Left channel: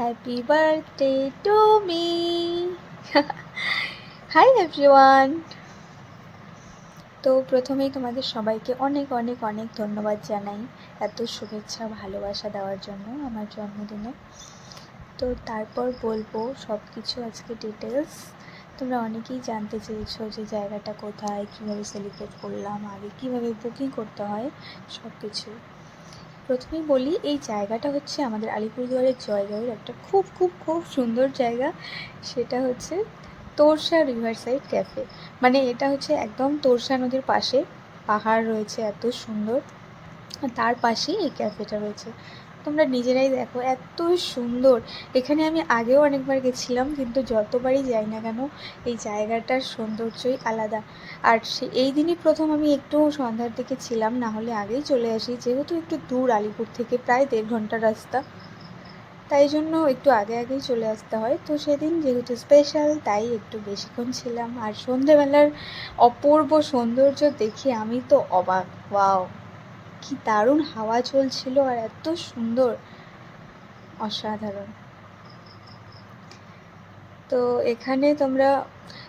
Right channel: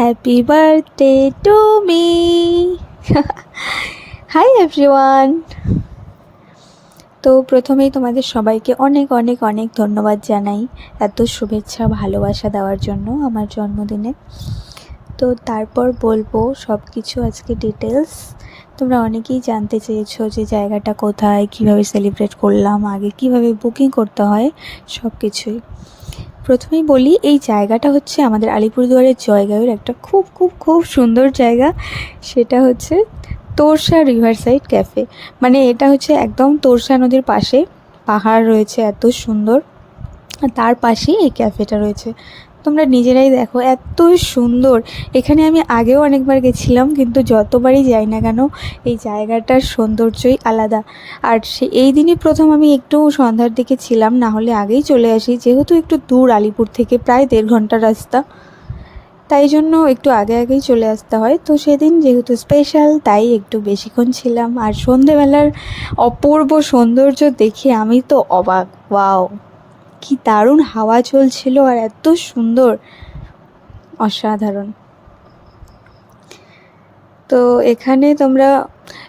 Happy birthday to me. Hi everyone. তো প্রথমেই তোমাদের সবাইকে অনেক অনেক অনেক ধন্যবাদ জানাই এত শুভেচ্ছা ভালোবাসা দেওয়ার জন্য আমার জন্মদিনে। তো তারপর বলবো সব কিছু আজকে ডিটেলস। তোমরা অনেকেই জানতে চেয়েছো যে জায়গাটা কোথায়, কিভাবে সেলিব্রেট করলাম, আগে কিভাবে বুকিং করতে হয়, সব কিছুই। প্রথমেই বলি, এই জায়গাটা হচ্ছে আমাদের আলিপুরদুয়ারের জয়গাঁওয়ের একটা খুব খুব খুব সুন্দর জায়গা। সেটা হচ্ছে তোরসা রিভার সাইড ক্যাফে। মানে এটা হচ্ছে একদম তোরসা নদীর পাশে, পাহাড় রয়েছে এত সুন্দর, আর তার পাশেই এই ক্যাফেটা রয়েছে। তোমরা নিজেরাই দেখো এত সুন্দর। এখানে আমি আগেও অনেকবার গেছিলাম, কিন্তু যতবারই যাই না কেন এই জায়গাটার সৌন্দর্যই আলাদা। আর এই দিনই প্রথম আমি একটু সন্ধ্যার দিকে ছিলাম, না হলে আগেই চলে আসি, যেহেতু একটু দূর আলিপুর থেকে, প্রায় 1.5 ঘন্টার রাস্তা, তাই জন্য একটু আগে আগেই চলে আসতে হয়। তো সেদিন যেহেতু স্পেশাল, তাই একটু বেশিক্ষণ ছিলাম। আর সন্ধেবেলার অপূর্ব সৌন্দর্য দেখে আমি তো অবাক। ওয়াও, কি দারুণ হাওয়া চলছিল আর এত সুন্দর, অসাধারণ। তো এখানে তোমরা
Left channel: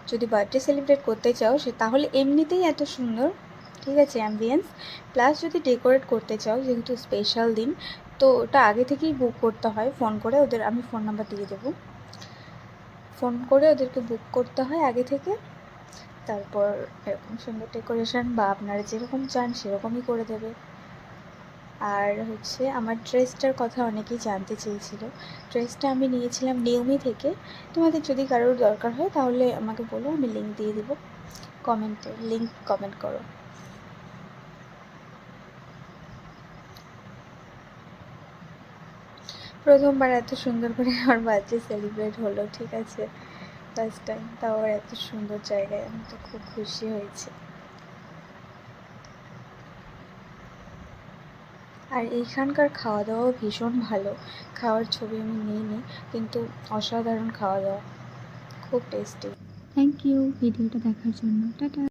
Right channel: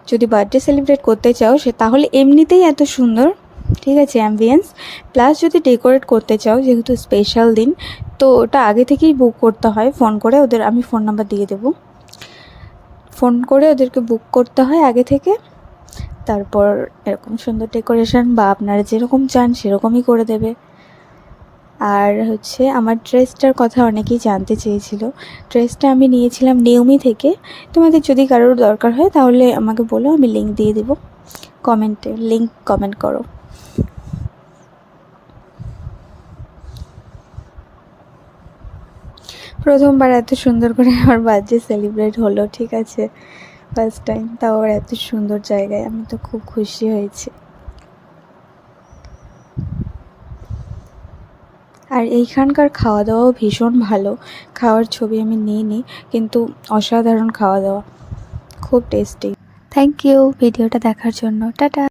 যদি বার্থডে সেলিব্রেট করতে চাও তাহলে এমনিতেই এত সুন্দর, ঠিক আছে, অ্যাম্বিয়েন্স, প্লাস যদি ডেকোরেট করতে চাও যেহেতু স্পেশাল দিন, তো ওটা আগে থেকেই বুক করতে হয় ফোন করে। আমি ফোন নাম্বার দিয়ে দেবো, ফোন করে ওদেরকে বুক করতে হয় আগে থেকে। তারপর এরকম সুন্দর ডেকোরেশন বা আপনারা যেরকম চান সেরকমই করে দেবে। আর হচ্ছে আমার ড্রেসটার কথা অনেকেই জানতে চেয়েছিল। ড্রেসটা আমি নিয়েছিলাম নিউমি থেকে। তোমাদের যদি কারোর দরকার হয় তাহলে আমাকে বলো, আমি লিঙ্ক দিয়ে দেবো কমেন্টে, লিঙ্ক কমেন্ট করো। প্রথমবার এত সুন্দর করে আমার বার্থডে সেলিব্রেট হলো, ঠিক আছে, ফার্স্ট টাইম, তাও এত সুন্দর জায়গায়, আমি তো খুব খুশি হয়েছি। আর এইখানকার খাওয়া দাওয়াও ভীষণ ভালো। খাওয়ার ছবি আমি নিইনি, কিন্তু অসাধারণ খাওয়া দাওয়া, খুব টেস্টি। থ্যাংক ইউ ভিডিওটা দেখার জন্য। টাটা।